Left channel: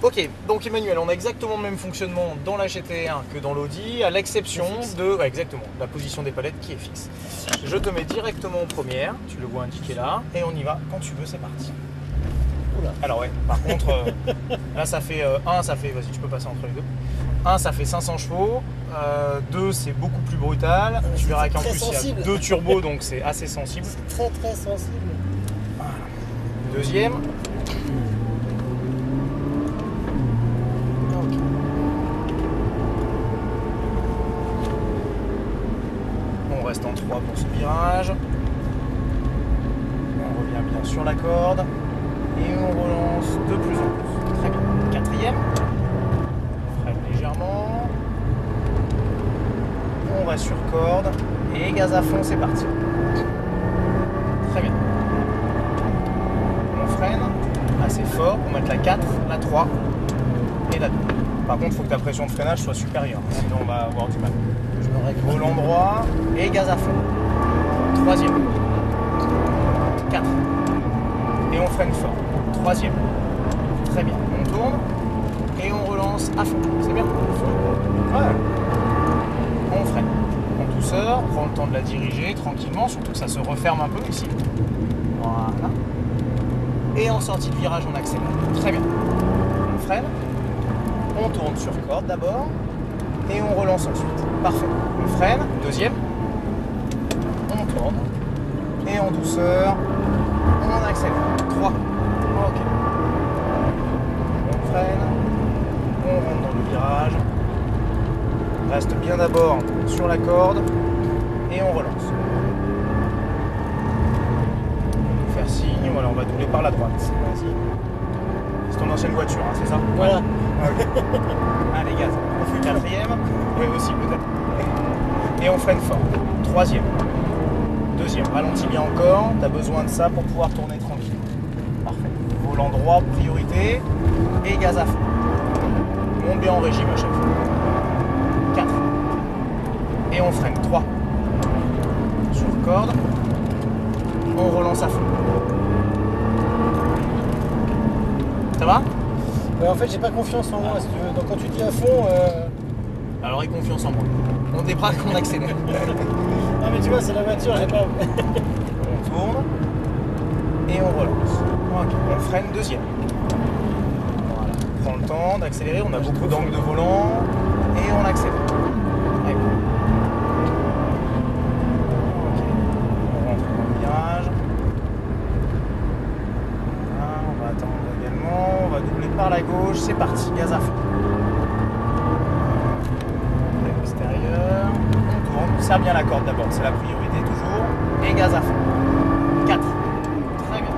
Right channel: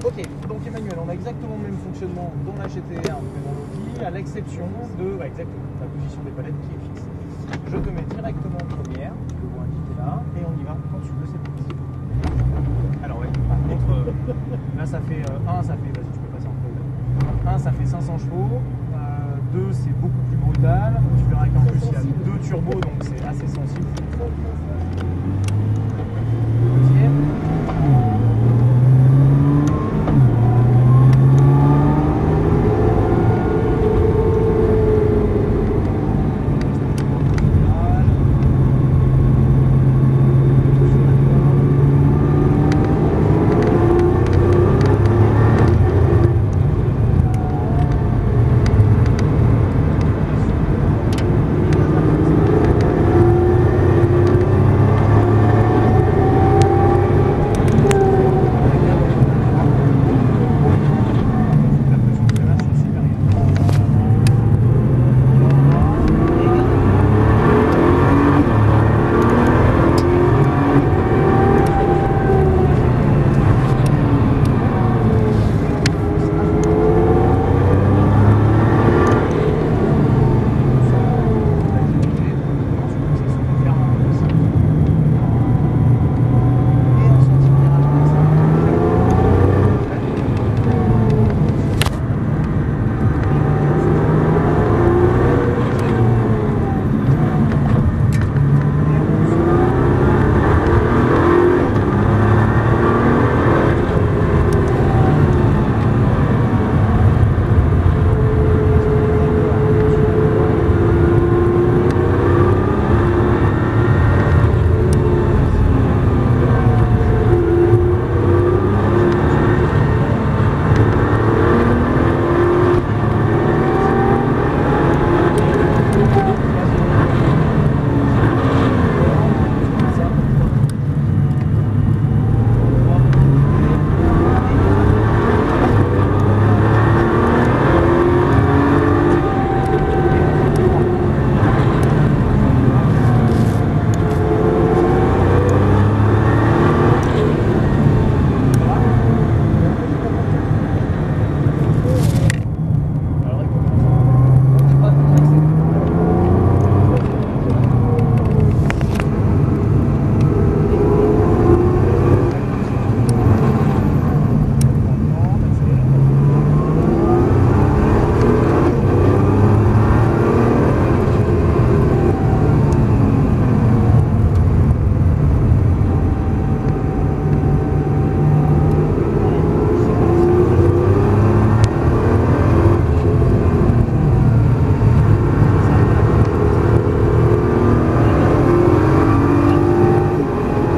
Ok, donc Emmanuel, on a exactement le même fonctionnement dans la GT1 que dans l'Audi, à l'exception de exactement, la position des palettes qui est fixe. Je te mets directement en première, tu le vois indiqué là, et on y va quand tu veux, c'est parti. Alors ouais, par contre, là ça fait 1, ça fait, vas-y tu peux passer entre les deux. 1 ça fait 500 chevaux, 2 c'est beaucoup plus brutal, tu verras qu'en plus il y a 2 turbos donc c'est assez sensible. C'est très très sensible. Deuxième. On reste en 3 pour ce virage. On est sur la corde. Et on relance de plus en plus. Quatrième. On freine légèrement. On reste sur corde. Et gaz à fond, c'est parti. Très bien. On freine assez fort pour mettre la 4, la 3 et la 2. Par contre, il faut que la pression de freinage soit supérieure. Sinon, on va avoir du mal. Volant droit et gaz à fond. Troisième. 4. Et on freine fort. Troisième. Très bien. On tourne et on relance à fond. C'est bien. Voilà. On freine. En douceur, on prend le temps de la diriger tranquillement, surtout que ça se referme un peu aussi. Voilà. Et en sortie de virage, on accélère. Très bien. On freine. On tourne sur corde d'abord. Et on relance ensuite. Parfait. On freine. Deuxième. On tourne. Et en douceur. On accélère. 3. Freine. On virage. On reste bien d'abord sur la corde. Et on relance. Facile. Voilà, on va couler par la patte. C'est parti. C'est ton ancienne voiture, c'est ça? Voilà. Allez, gaz. On fait quatrième. Et aussi. Et on freine fort. Troisième. Deuxième. Ralentis encore. Tu as besoin de ça pour pouvoir tourner tranquille. Parfait. Volant droit, priorité. Et gaz à fond. On met en régime. 4. Et on freine. 3. Sur le corde. On relance à fond. Ça va? En fait, j'ai pas confiance en moi. Donc quand tu dis à fond, Alors, aie confiance en moi. On débraque, on accélère. non mais tu vois, c'est la voiture, elle est pas. On tourne et on relance. Voilà, on freine deuxième. On prend le temps d'accélérer, on a beaucoup d'angle de volant et on accélère. Et voilà. On monte le virage. On va doubler par la gauche, c'est parti, gaz à fond. Extérieur. On serre bien la corde d'abord, c'est la priorité toujours. Et gaz à fond. 4. Très bien.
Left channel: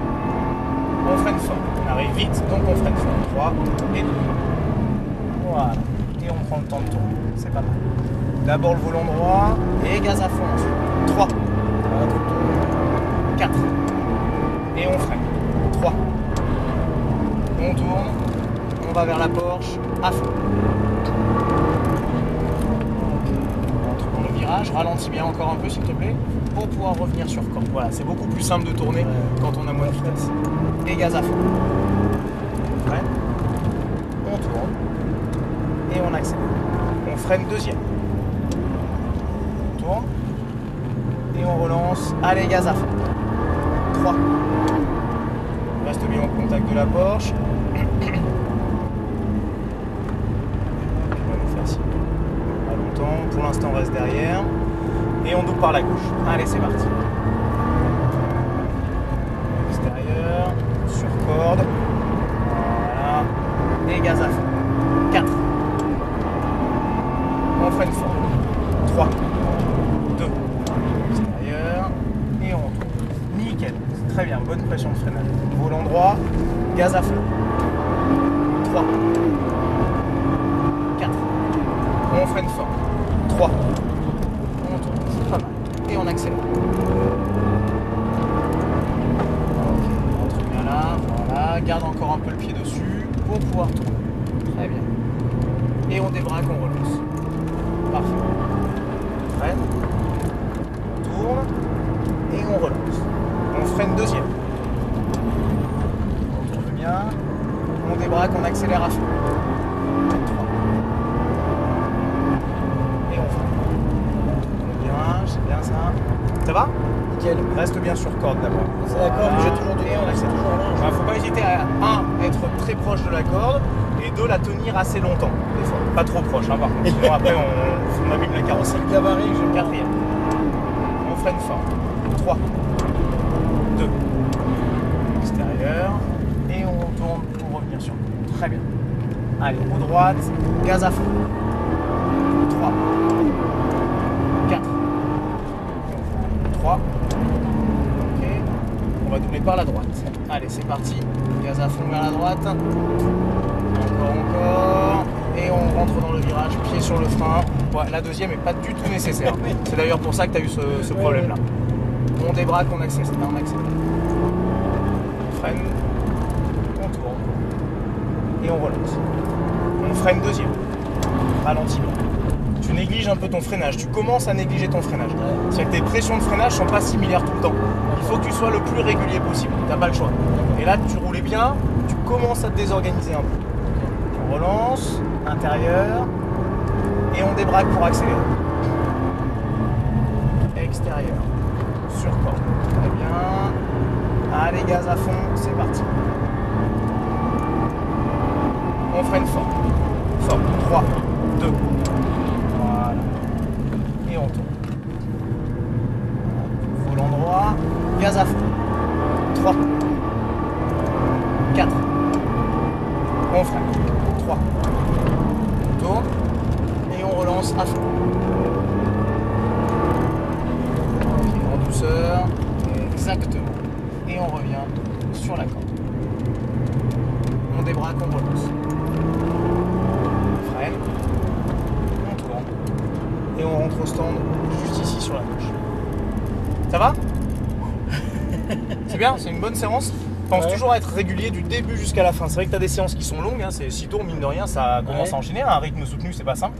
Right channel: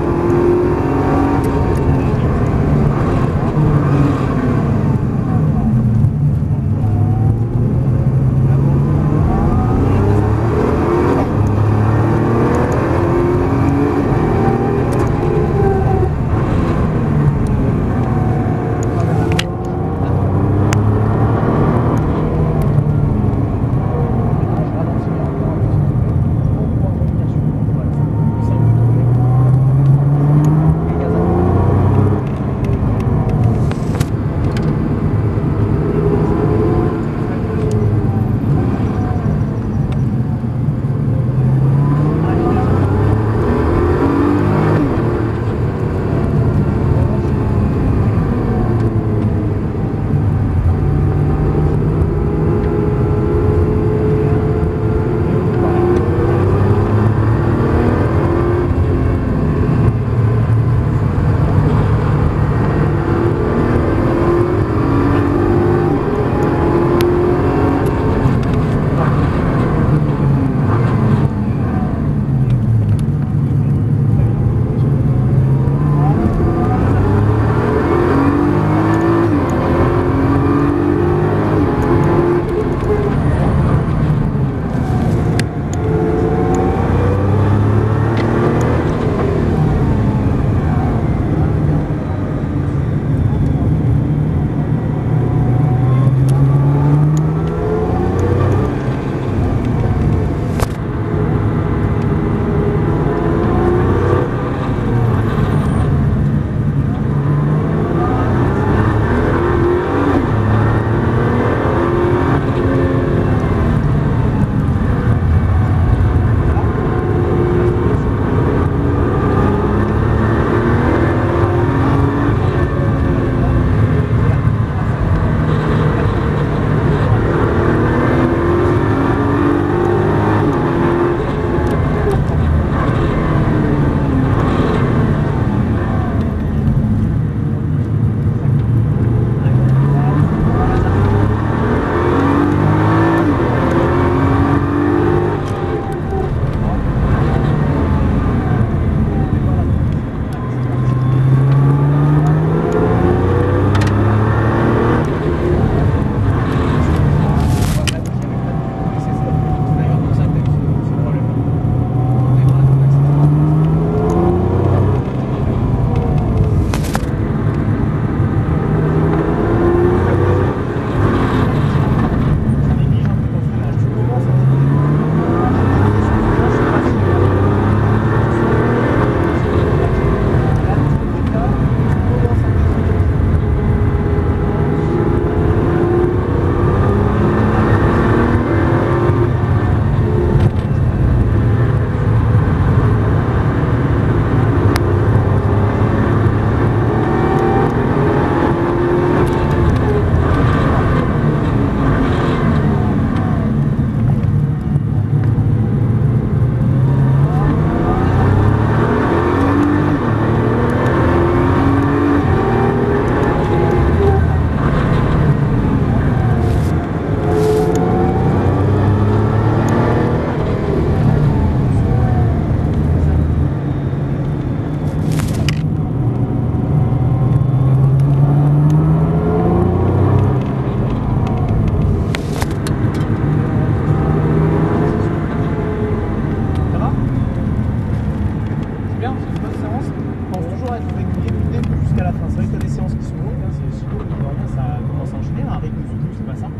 être régulier du début jusqu'à la fin. C'est vrai que tu as des séances qui sont longues, hein, c'est 6 tours, mine de rien, ça commence à enchaîner. Un rythme soutenu, c'est pas simple.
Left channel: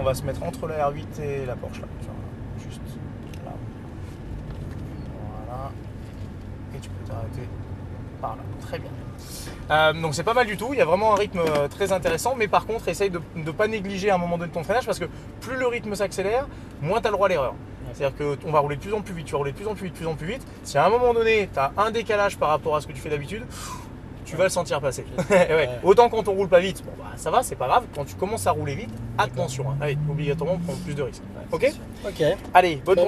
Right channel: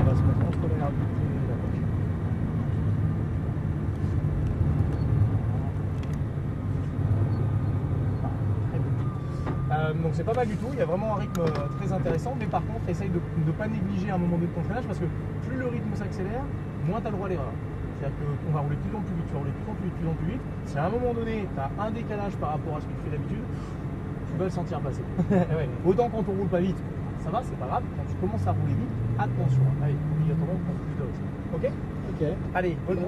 On va se mettre entre le R8 et la Porsche. Là. Juste là. Voilà. Et tu peux t'arrêter par là. Très bien. Donc c'est pas mal du tout, il y a vraiment un rythme très intéressant, mais par contre essaye de ne pas négliger à un moment donné ton freinage parce que plus le rythme s'accélère, moins tu as le droit à l'erreur. C'est-à-dire qu'on va rouler de plus en plus vite, tu vas rouler de plus en plus vite, de plus en plus vite. Si à un moment donné tu as un décalage par rapport à ce que tu fais d'habitude, tu vas le sentir passer. Ouais. Autant quand on roule pas vite, bon, bah, ça va, c'est pas grave. Quand tu commences à rouler vite, attention, hein. Allez, obligatoirement prendre plus de risques. Ok ? Ok. Allez, bonne